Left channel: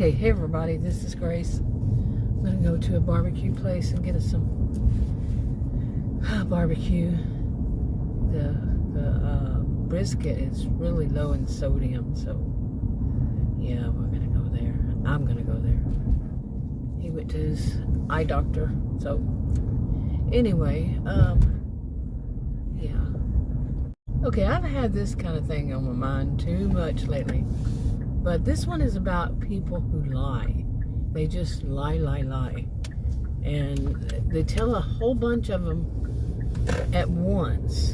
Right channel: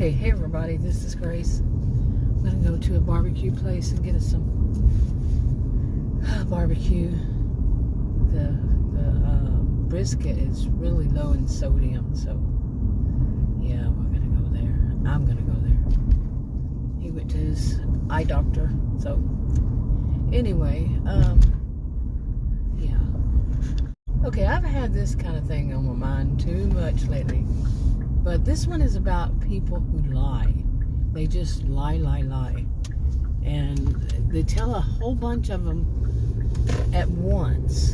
Okay, hey everybody, this is Grace. I'm gonna go to a barbecue place and get us some barbecue. The brisket is really low in sodium, so yeah, we're gonna go there. I'm gonna go there. He went to his eye doctor, so anyway, yeah. Okay, I've had this kind of thing on my mind too much lately. But this one is about people who lie. They just lie. And they tell a whole bunch of them at once.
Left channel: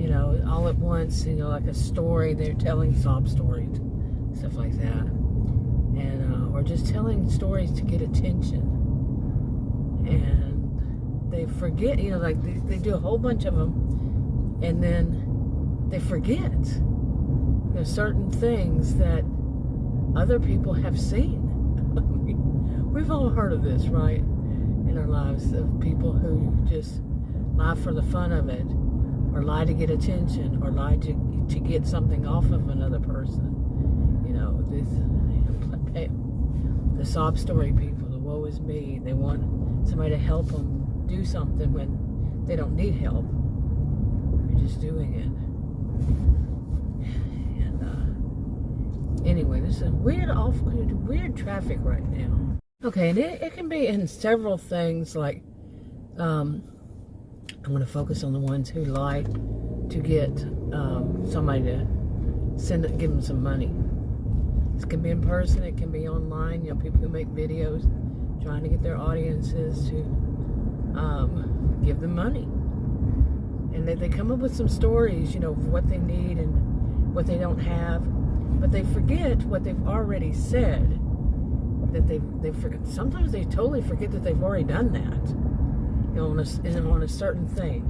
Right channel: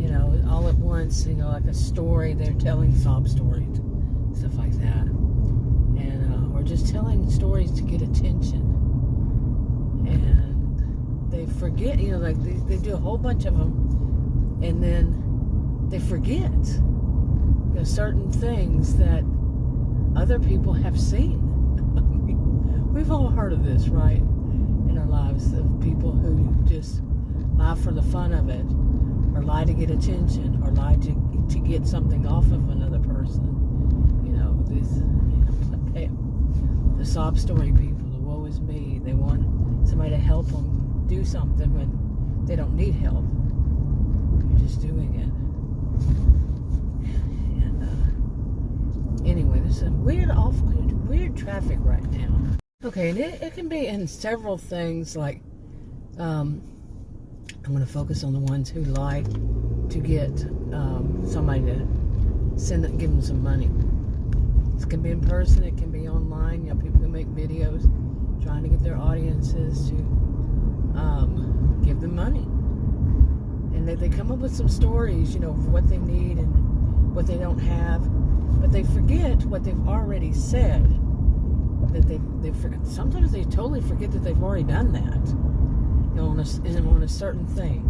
You know, all at once, you know, like a story. They're telling sob stories, stuff like that. And, or just telling stories to get attention. And they forget, you know, like they do a whole bunch of them. And then they forget. There's certain things that other people have seen. I mean, we've all heard of this, right? In our lives, of people who just lie for the fun of it, or lie to get attention, or lie to get something off of another person. You know, the sob story people, the woe is me. They want somebody to help them do something when they don't need help. They're just doing it. Anyway, there's a weird traffic right now. Okay, and it can be in several things, like, I'm going to focus on the ones who lie to get somebody to give them some money. This can be in person, it can be online, you know, people who make videos trying to get their audiences to give them money. And they come up with some stories, you know, of what they need and what they don't have. But they forget what they've already said. That they forget. Sometimes they totally forget that they've already done that. You know, on a certain thing.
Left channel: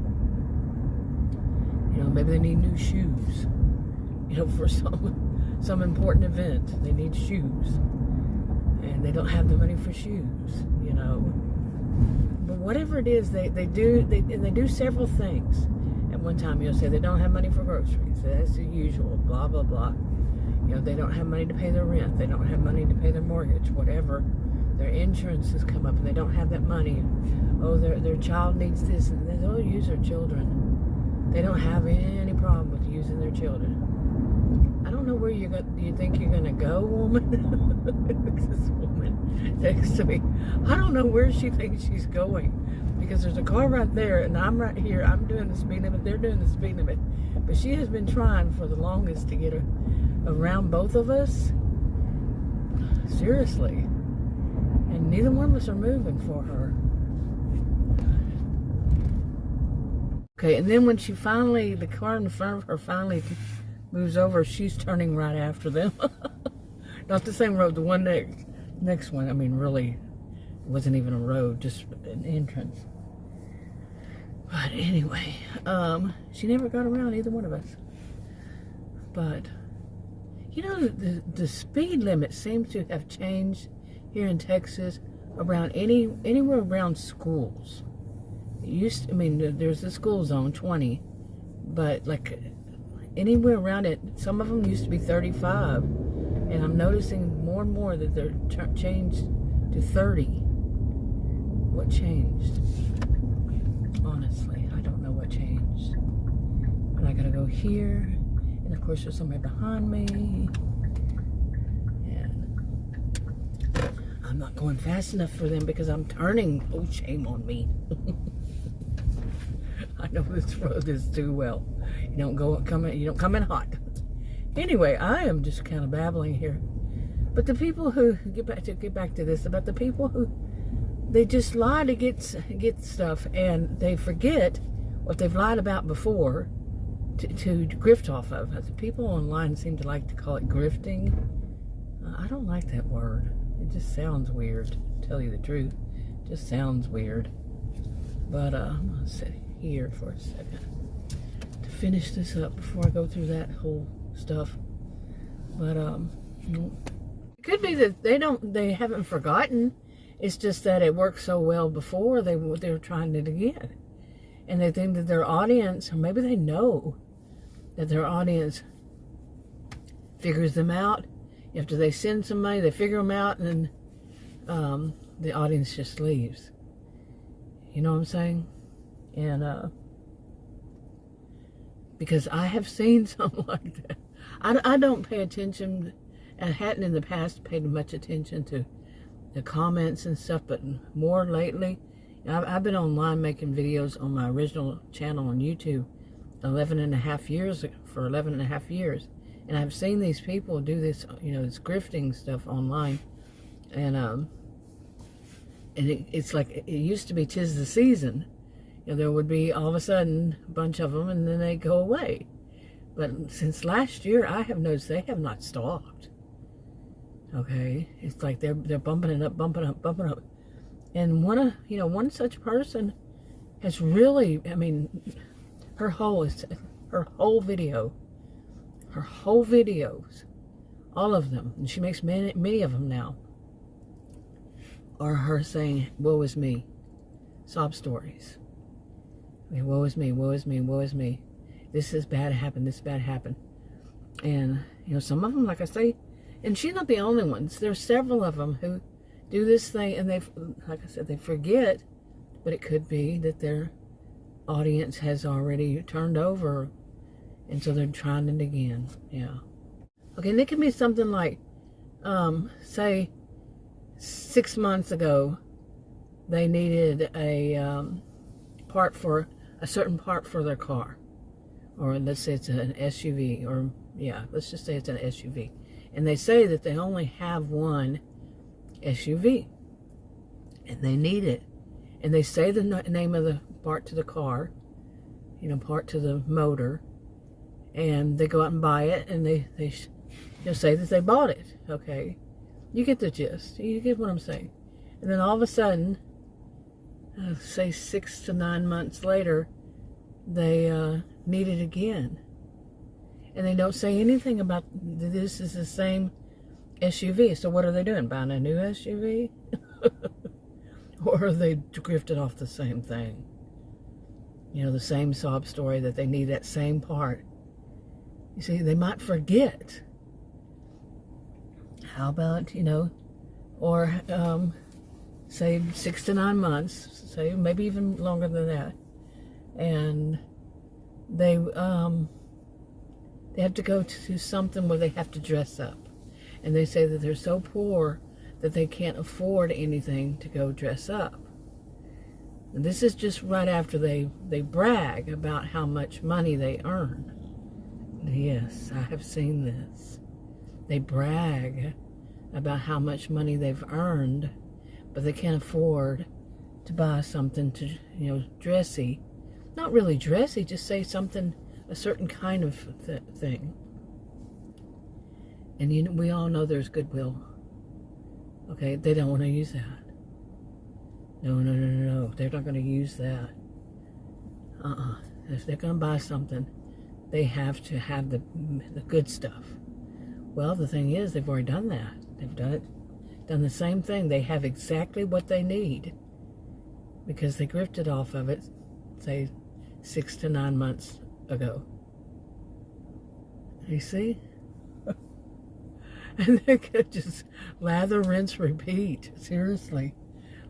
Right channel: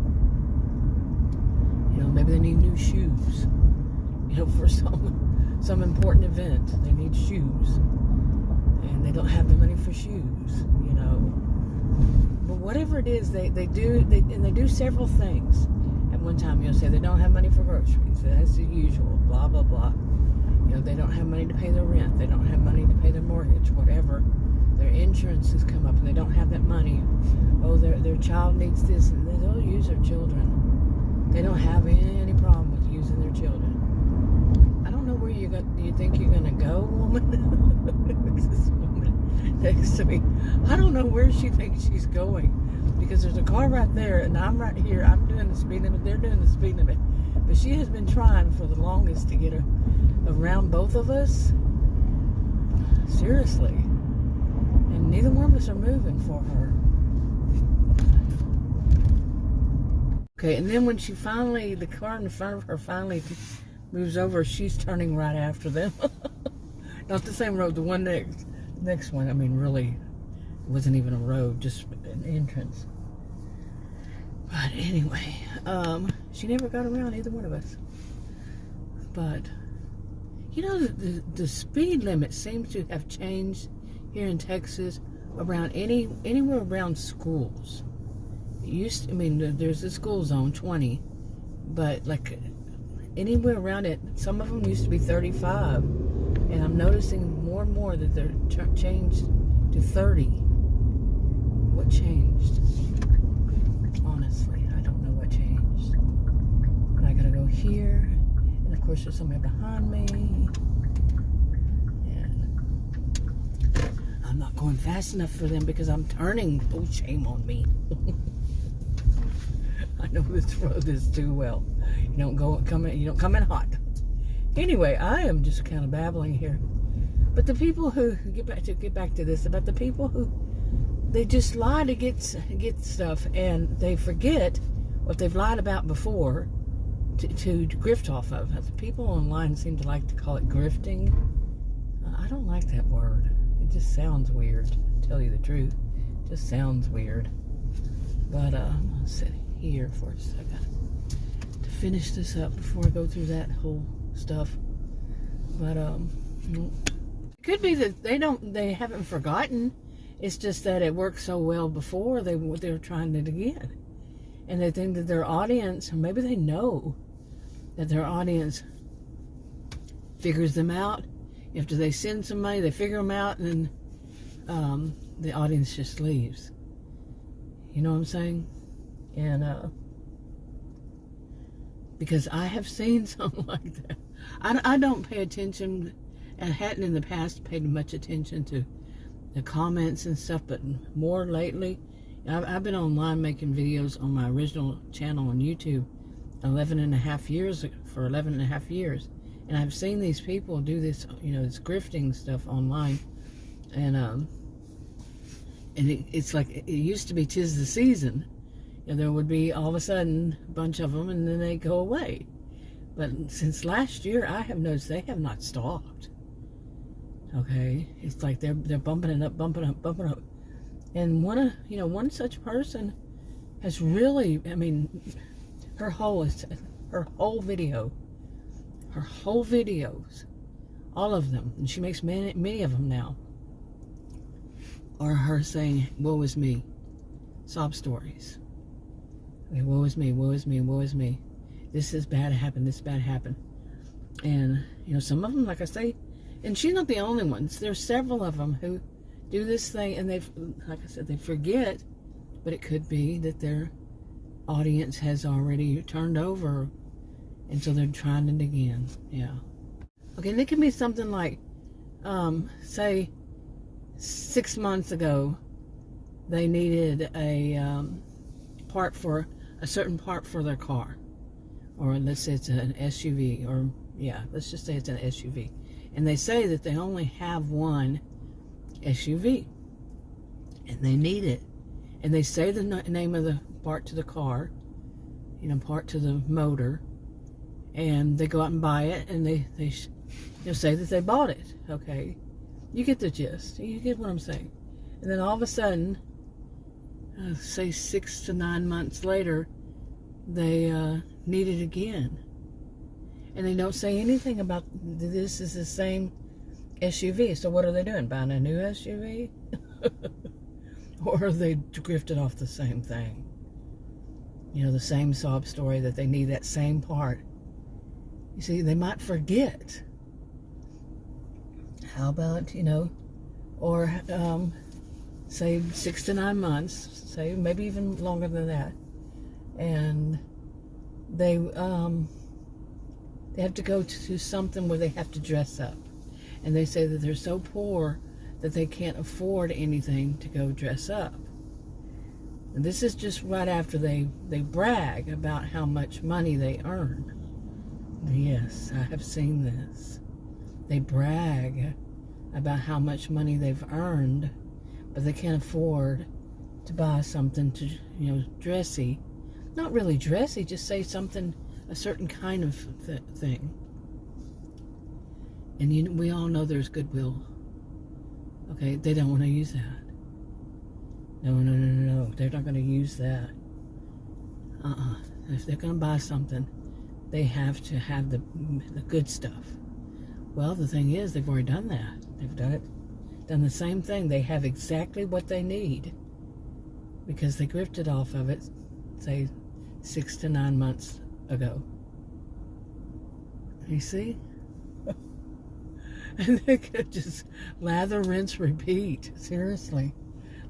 You know, maybe they need new shoes. You know, for some important event, they need shoes, and they don't have the money for shoes. You know, but whatever it is, they do several things at one time. You'll say they don't have money for groceries. That's the usual. Blah blah blah. You know, they don't have money to pay their rent. They don't have money to pay their mortgage, whatever. Their insurance has come up and they don't have that money. Oh, their child needs this, and they'll use their children. They don't have any problem with using their children. I don't know where do you think you're going to go, woman? This woman next to me. I don't know where she thinks she's going, because there's a car right there and I'm right here. I'm doing the speed limit. They're doing the speed limit. But she has been trying for the longest to get around both of us. Seriously. And neither one of us are moving for her. Okay, and then when the car in front of her finally moves over, she's turning right after them. Not the same road, the one next one. I mean, really, it wasn't even a road, just an entrance. But anyway, she never got around either one of us. But, you know, the speed limit seems to have changed here in Texas around anywhere around schools. There's the school zone, 20, but like anywhere around it, some of them used to be 35, and I'm noticing more and more that they're changed to 30. What changed? Honestly, I don't know what changed. But I gotta go here, and of course there's somebody behind me, and I'm not going fast enough for them because I'm turning. Oh, shame on me. I know this road is too well. You don't come in hot. Anyway, I am just kind of babbling here. But the people who get back to this, about the people who they just lie to get stuff, and they forget what they've lied about before to grift off of. The people online seem to like to call it grifting. I don't like that word. It just sounds weird, to tell you the truth. It just sounds weird. But I'm going to sit here for a second to finish this up before I go through that whole stuff. But it could be that they haven't forgotten. It's just that it worked so well before they were trying it again, and they think that their audience, or maybe they know that their audience figures them out After they send somebody, they figure them out, and then the audience just leaves. You know what I'm saying? And because I have seen something like that. I don't pay attention, and hadn't in the past paid much attention to the comments and stuff, but more lately, I've been online making videos on my original channel on YouTube 11 and a half years, and I've seen these people do this, this grifting stuff online, and it's like it used to be 'tis the season. There would be all of a sudden a bunch of them, and then they go away. But since last year, I have noticed they have not stopped. Okay, it's like they're bumping it up, bumping up. And one such person has really, her whole videos, all of them, and she makes many of them now, are her saying, "Woe is me," sob stories. Okay, woe is me, woe is me, woe is me. This is bad happened, this bad happened. And, some of them, like I say, and she's not the only one. There's several of them who do this thing, and like I said, they forget, but it could be that their audience has already turned over, and so they're trying it again. Yeah. Okay, and it can be something like, say, 6 months ago, they needed a certain part for their car. Or let's say it's an SUV, or let's just say it's an SUV. And they say that they only have one SUV, and they need it. And they say the name of the part to the car, part to the motor, and they go out and buy it, and they say that they bought it. Okay, you get the gist. You get what I'm saying. And then all of a sudden, say 6 to 9 months later, they need it again. And they don't say anything about this is the same SUV. So what are they doing? Buying a new SUV? Or are they drifted off the same thing? The same sob story that they need that same part. You see, they might forget. How about, or say 6 to 9 months, say maybe even longer than that. And they have to go to something where they have to dress up. And they say that they're so poor that they can't afford anything to go dress up. And this is just right after they brag about how much money they earn. Yes, I have seen this. They brag about how much money they've earned, but they can't afford to buy something to, dressy. Not really dressy, just say something, a certain kind of thing. And we all know there's goodwill. Okay, they don't want to use that. No. They're not going to use that. If they're going to buy something, they have to have the good stuff. Well, the thing is, they've already done that. They've done the same thing. They have exactly what they need because they grifted off of it, say, 6 to 9 months ago. You see? And they could just lather, rinse, repeat. Seriously.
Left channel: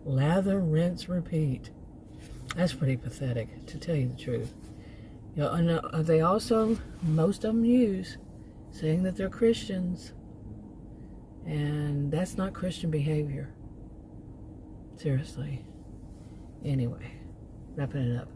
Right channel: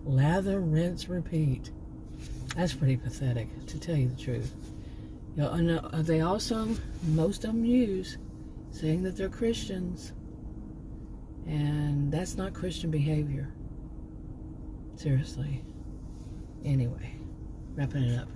Lather, rinse, repeat. That's pretty pathetic, to tell you the truth. And they also, most of them use, saying that they're Christians. And that's not Christian behavior. Seriously. Anyway, wrapping it up.